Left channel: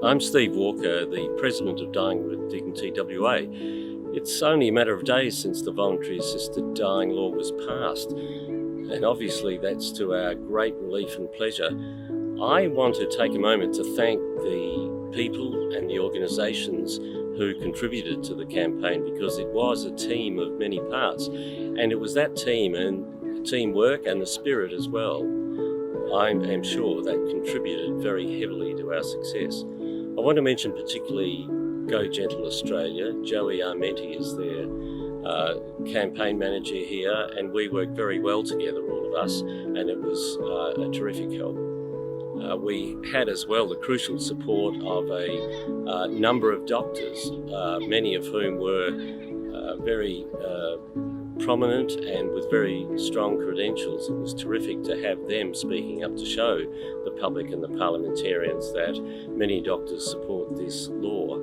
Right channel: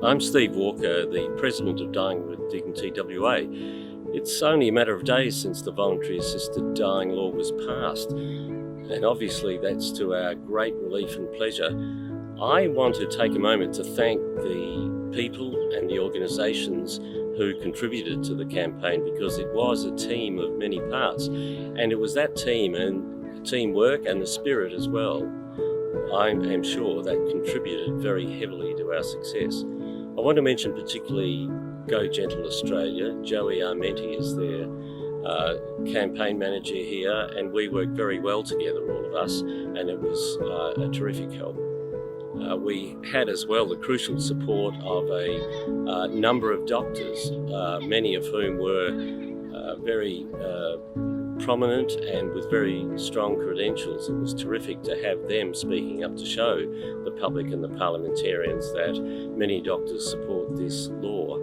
I'm Steve Walker, the President of Dying with Dignity WA. It's only a matter of days since the voluntary assisted dying law was passed, and obviously that's to our great relief and pleasure. I want to take a moment to thank the people and the organisations who contributed to the campaign, because it was a team of many parts, and it was that team and teamwork and the spirit as well, I am sure, that contributed very heavily to our success. I want to mention particularly Go Gentle Australia. Joey Armenti is their campaign manager here, and we worked very well together, all of us, and it was a terrific help. We had as well the crucial support of a number of doctors, many of whom were very prominent and with very strong credentials. It was terrific to have them speaking up to show the public and the parliamentarians that many doctors support this law.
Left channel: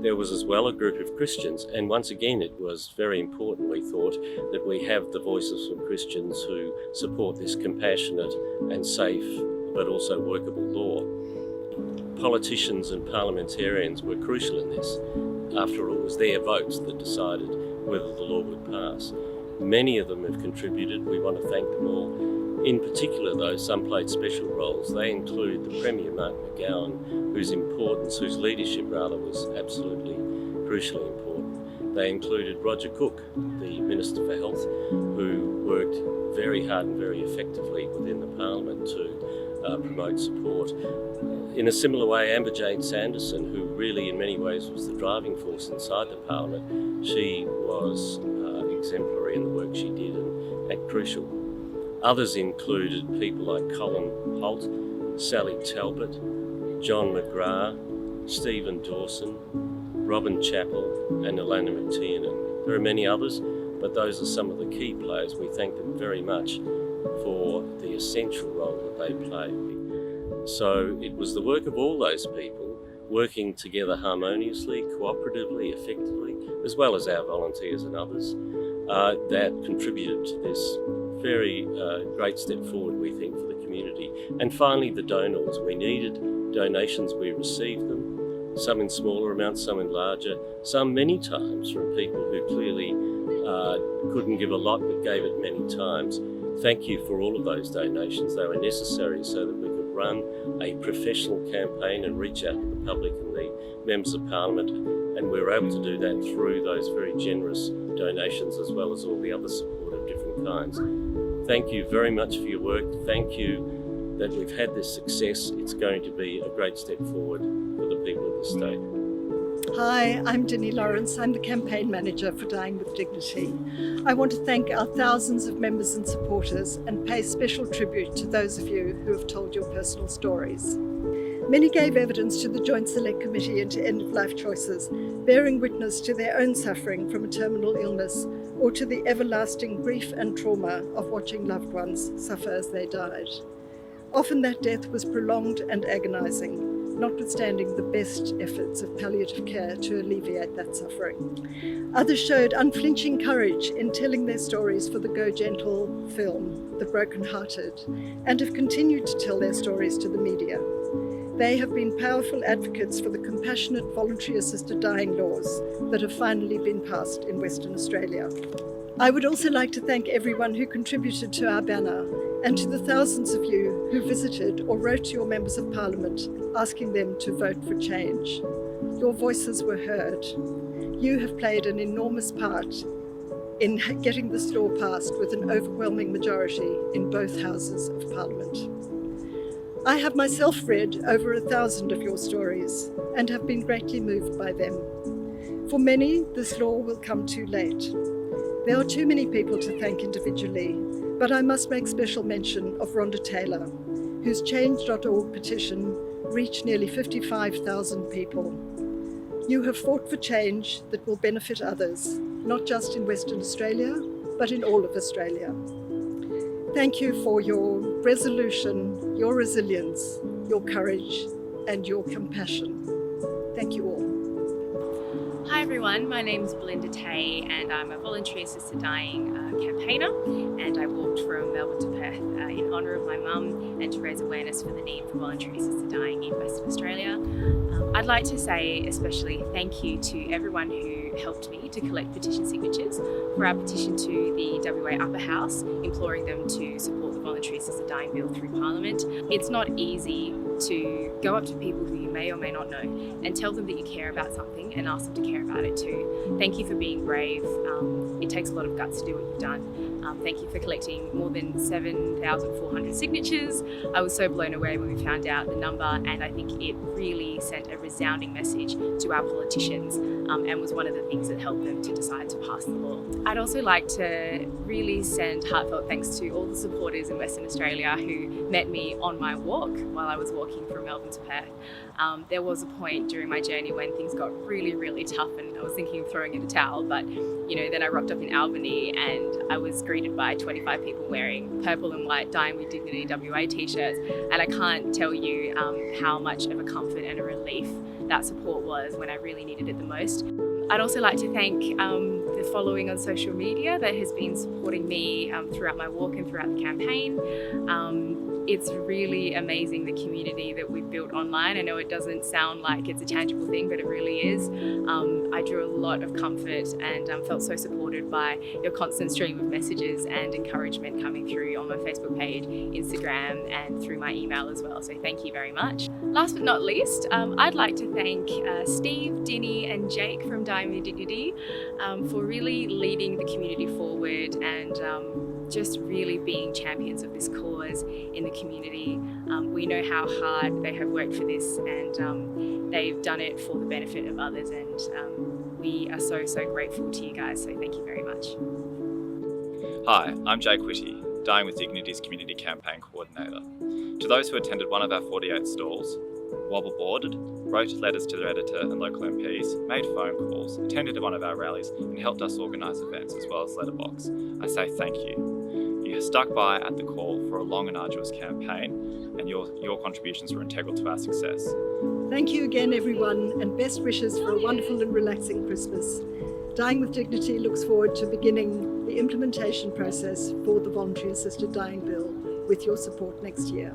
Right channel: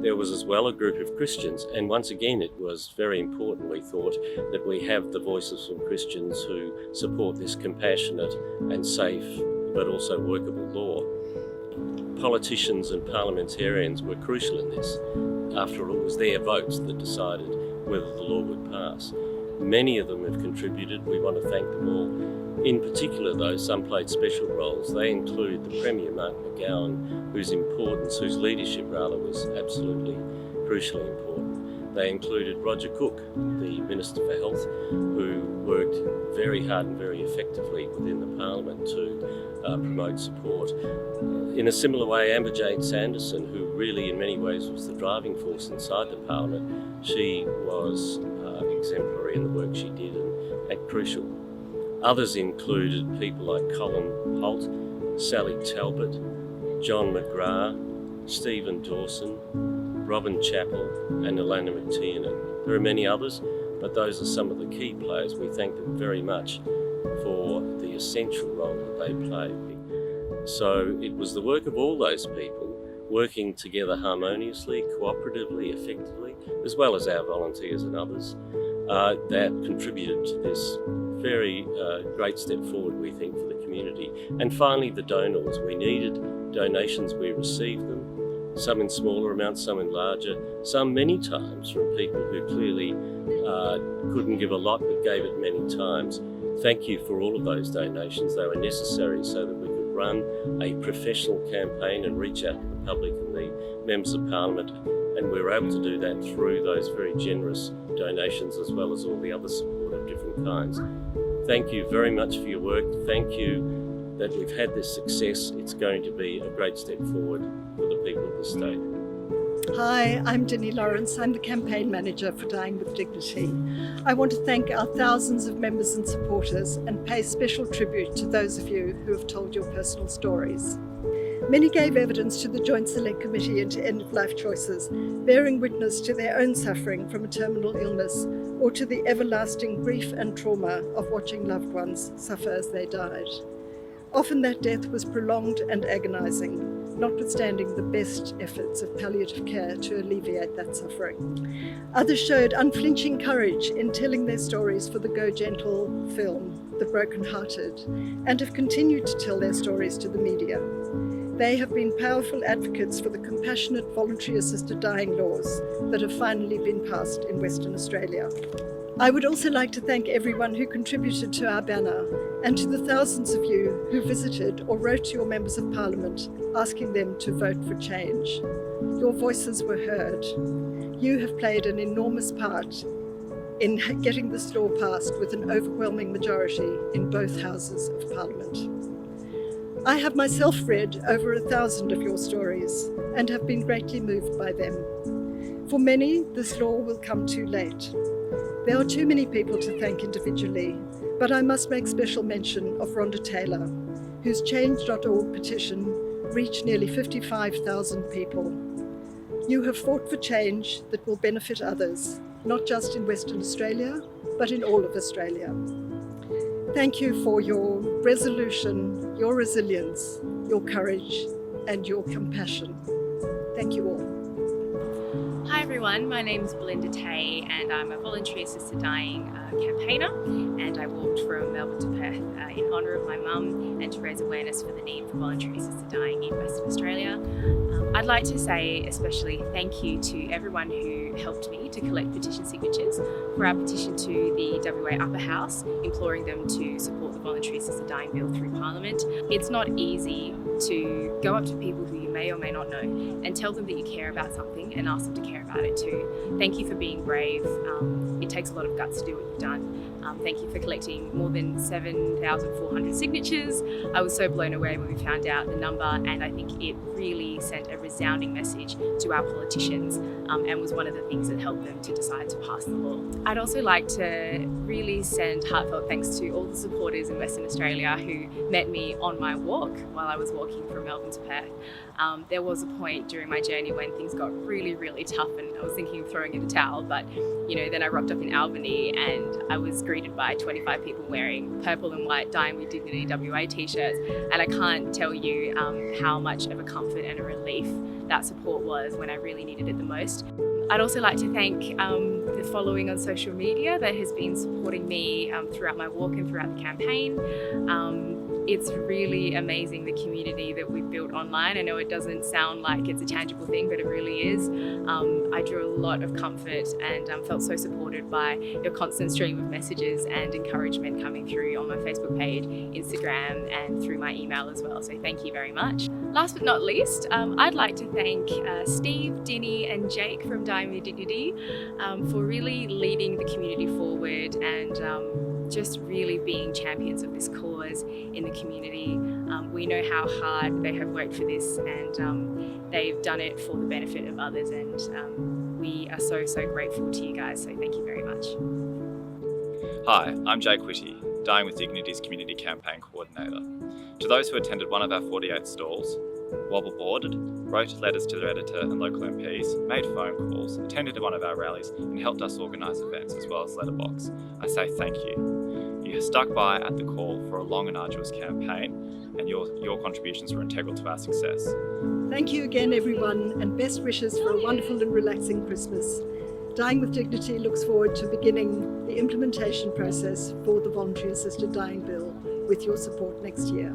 There was as well a group of Christians, and once again it was very important, we thought, that we have the voices from Christians who support this compassionate and safe but also workable law. Politicians and parliamentarians were crucial in this. After all, it was their votes that decided whether the law would pass. Many of them have contributed. We want to thank them all. In particular, though, some played special roles. They include the Premier, Mark McGowan, whose leadership was absolutely crucially important. They included Roger Cook, the Minister for Health, who worked very hard and very effectively within the Parliament to promote support. In a similar way, Amber Jane Sanderson, who really in many ways was the driving force inside the Parliament, she was exemplary in the work she did and crucial. Others included people like Colin Holt, Sally Talbot, John McGrath, Stephen Dawson, Robin Chappell and Alana McTiernan. There are many others, but those are some of the key players. We thank them very much for the essential role that they played. So it was the work of all those people working together harmoniously, cooperatively, effectively, as well as our volunteers and others, that contributed to this very great step forward, we think, for the community. And finally, the donors. We needed donations, we received them, some in smaller amounts, some in larger, some many times from people who clearly couldn't give a lot but gave it many times. Thank you for all of those donations. They were necessary so that we could run a professional campaign and reach out to the public and the members of Parliament, and we were able to do that through those very generous donations as well as all the other support of different kinds. Thank you very much for your work. Thank you that we've had this success. It's going to be a great step forward for the people of the state. Hi, I'm Denny Lawrence. I'm the campaign manager for Dying with Dignity. I want to thank our thousands of members and supporters and pay special tribute to those of you who have told your personal stories. Many gave evidence to the Joint Select Committee into End-of-Life Choices, bearing witness to their own suffering from a terminal illness or to the everlasting grief and trauma of watching loved ones suffer as they died. Often that death was prolonged and agonising, notwithstanding the best efforts of palliative care to alleviate that suffering. Others showed unflinching courage in telling their stories for the Go Gentle film, The Broken Hearted, and have continued to tell their stories to the media. They have been powerful advocates for the compassionate voluntary assisted dying laws that have finally been passed in Western Australia. I would also like to thank everyone who contributed to our banner and to the thousands of you who visited or wrote to your members of Parliament asking them to vote for change. Your voices were heard. You have played an enormous part in getting this law passed with an overwhelming majority in both houses of Parliament. I have myself read over 1,000 of your stories and have been greatly moved by them. For many, this law will come too late. There are too many people to thank individually, but I must make special mention of Rhonda Taylor, whose Change.org petition reached nearly 55,000 people. You have fought for change that will benefit others, not just in Western Australia, but in all of Australia. Thank you for your resolution, your resilience, your courage, and your compassion. Thank you all. Hi everyone, my name's Belinda Tay and I'm a voluntary assisted dying campaigner, and I walked from Melbourne to Perth in honour of my mum and to raise awareness for the need for voluntary assisted dying in Western Australia. I'd like to say especially thank you to everyone who helped me to collect petition signatures for our petition to the WA Upper House, imploring them to support the voluntary assisted dying bill through Parliament. It's not easy to go up to people who you may or may not know and tell them that you care about something and ask them to care about it too. Thank you for being brave. It takes a lot of guts to do what you've done. Thank you for collecting more than 7,400 signatures. I was so blown away when we found out the number, and I think it really sent a resounding message to our politicians and was one of the things that helped them to decide to pass the law. I'd also like to really send heartfelt thanks to all the supporters in Western Australia who met me on my walk while I was walking from Melbourne to Perth. There was a point during my journey when things got really, really tough and I was thinking of throwing in a towel, but then I rocked up in Albany and I was greeted by 25 people wearing purple and white Dying with Dignity WA t-shirts, and I can't tell you how much of a comfort and a relief that support was when I really needed it the most. I'd also like to thank the following on social media that has been supporting me throughout my walk and throughout the campaign. It's really amazing the community that we've built online. I know it doesn't sound like it's a tangible thing, but it really is. I drew a lot of comfort and felt so supported by your constant stream of messages and encouragement coming through on my Facebook page, Instagram, and through my email as well. So thank you very much. Last but not least, I'd like to thank Steve, Dinny, and Jake from Dying with Dignity for really leading the community forward and just really being champions of this cause in the community. We know how hard they have worked for this, and they've done it for the benefit of others, and we are so grateful to you guys, so thank you very much. Hi, I'm Jake Whitty, Dying with Dignity's Community Campaign Coordinator. To those who attended one of our 48 stalls, wobble boarded, wrote letters to their editor and local MPs, made phone calls, attended one of our rallies and helped us organise events as well as letterbox, I say thank you. You stuck by at the call for a long and arduous campaign, and your contributions were integral to our success. Thank you again, everyone, and best wishes for a wonderful and relaxing Christmas. Dying with Dignity looks forward to beginning the implementation process for the Voluntary Assisted Dying Bill with your support next year.